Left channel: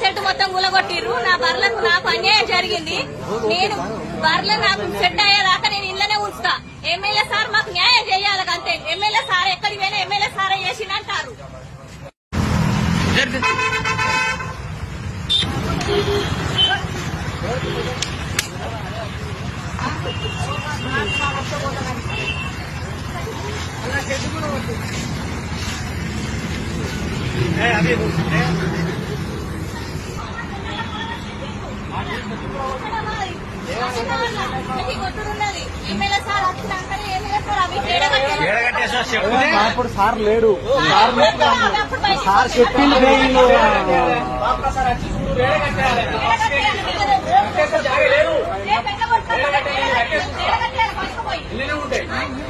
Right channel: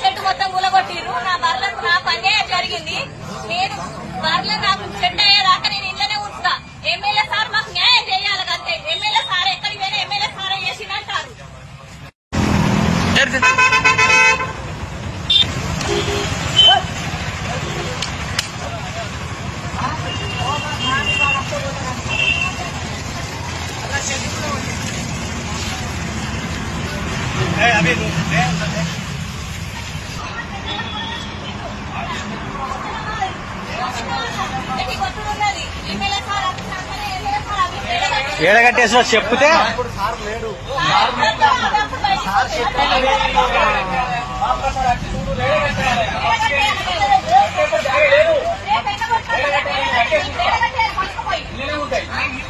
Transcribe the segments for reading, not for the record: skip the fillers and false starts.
Set మొత్తం కూలగొట్టిర్రు. నా బర్లకు నాకు అన్యాయం జరిగింది. నేను బర్రెలు నాకు సెట్ అయ్యేదాకా నేను ఇళ్లనే ఉంచుతా. ఎమ్మెల్యే సార్ మాకు న్యాయం చేయాలంటే ఎమ్మెల్యే సార్ ఎక్కడికి పోయినా ఎమ్మెల్యే సార్ చేసిందంటారు. కొట్టుడున్నది. ఎమ్మెల్యే సార్ వచ్చినాకనే ఎమ్మెల్యే సార్ అవి ఏడగట్టేసో చెప్పు సార్ లేడు అప్పుడు బయటకు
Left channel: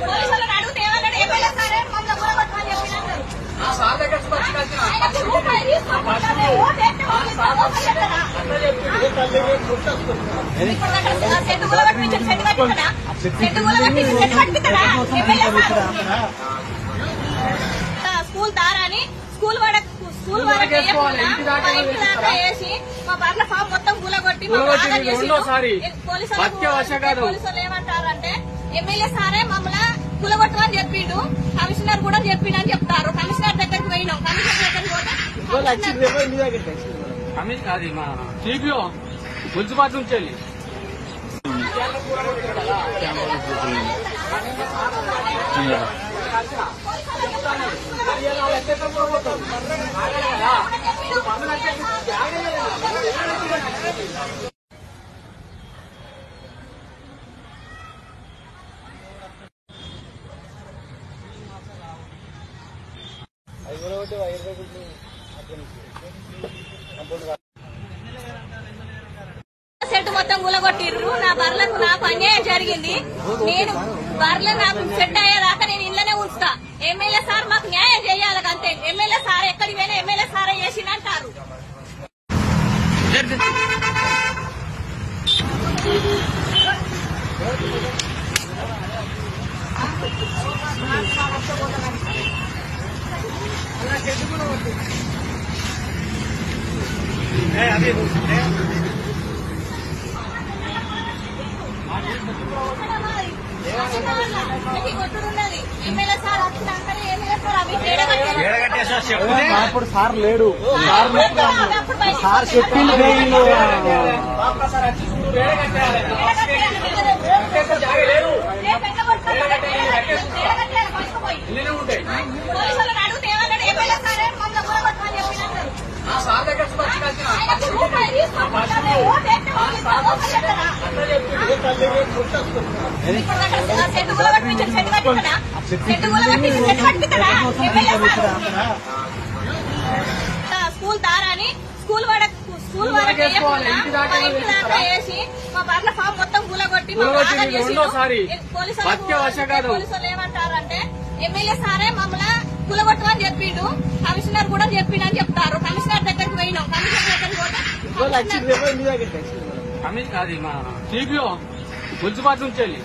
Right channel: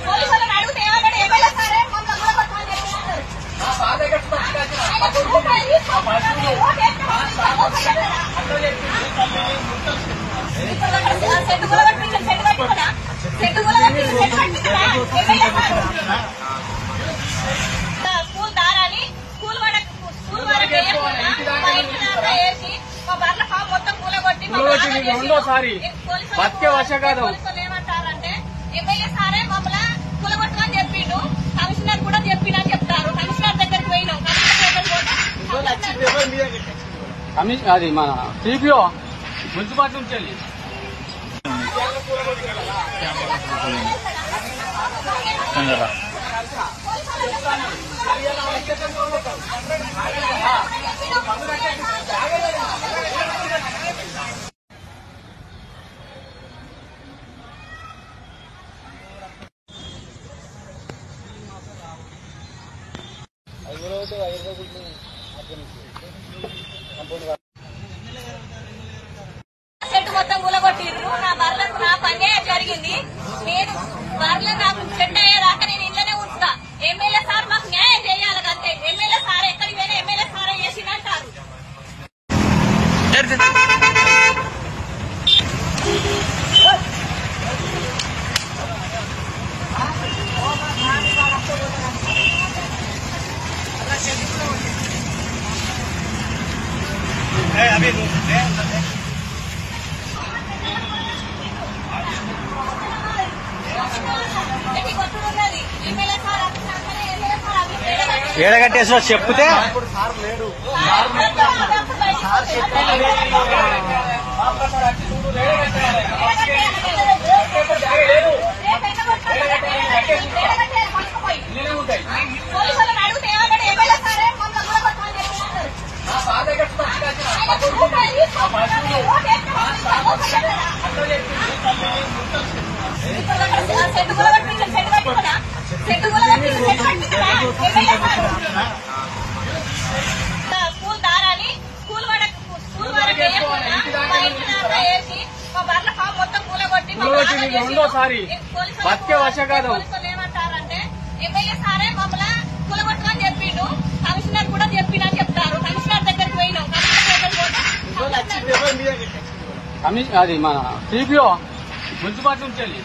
పోలీసులను అడిగితే ఏమన్నాడు? ఎమ్మెల్యే సారే మమ్మల్ని కూడా కొట్టమని చెప్పి అన్నారు. సెట్టు కూడా కట్టించాడు. సెట్టు కట్టించడా? సెట్టు కూడా కట్టించాడు. సెట్టు కట్టించడా? ఎమ్మెల్యే సారు స్కూల్ దారని స్కూల్ వాళ్ళకి వేసి మా బర్ల ఫామ్ మొత్తం కూలగొట్టి రెండోసారి బతికే వర్షకాలం ఏమంటారంటే ఎమ్మెల్యే సారే మమ్మల్ని కూలగొట్టమని చెప్పిండు. కమిషనర్ కూడా చెప్పిండు అని చెప్తారు. కమిషనర్ దగ్గరికి పోయినాం. కమిషనర్ దగ్గరికి పోతే అది మన సిపిఓ మున్సిపాలిటీ నుంచి వెళ్ళి సెట్ మొత్తం కూలగొట్టిర్రు. నా బర్లకు నాకు అన్యాయం జరిగింది. నేను బర్రెలు నాకు సెట్ అయ్యేదాకా నేను ఇళ్లనే ఉంచుతా. ఎమ్మెల్యే సార్ మాకు న్యాయం చేయాలంటే ఎమ్మెల్యే సార్ ఎక్కడికి పోయినా ఎమ్మెల్యే సారే చేసిందంటారు. కొట్టుడున్నది. ఎమ్మెల్యే సార్ వచ్చినాకనే ఎమ్మెల్యే సార్ అవి ఏడగట్టేసో చెప్పు సార్ లేడు అప్పుడు బయటకు పోలీసులను అడిగితే ఏమన్నాడు? ఎమ్మెల్యే సారే మమ్మల్ని కూడా కొట్టమని చెప్పి అన్నారు. సెట్టు కూడా కట్టించాడు. సెట్టు కట్టించడా? సెట్టు కూడా కట్టించాడు. సెట్టు కట్టించడా? ఎమ్మెల్యే సారు స్కూల్ దారని స్కూల్ వాళ్ళకి వేసి మా బర్ల ఫామ్ మొత్తం కూలగొట్టి రెండోసారి బతికే వర్షకాలం ఏమంటారంటే ఎమ్మెల్యే సారే మమ్మల్ని కూలగొట్టమని చెప్పిండు. కమిషనర్ కూడా చెప్పిండు అని చెప్తారు. కమిషనర్ దగ్గరికి పోయినాం. కమిషనర్ దగ్గరికి పోతే అది మన సిపిఓ మున్సిపాలిటీ నుంచి వెళ్ళి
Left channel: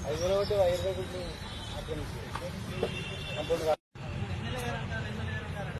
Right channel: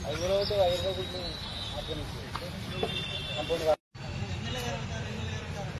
అది కూడా వైర్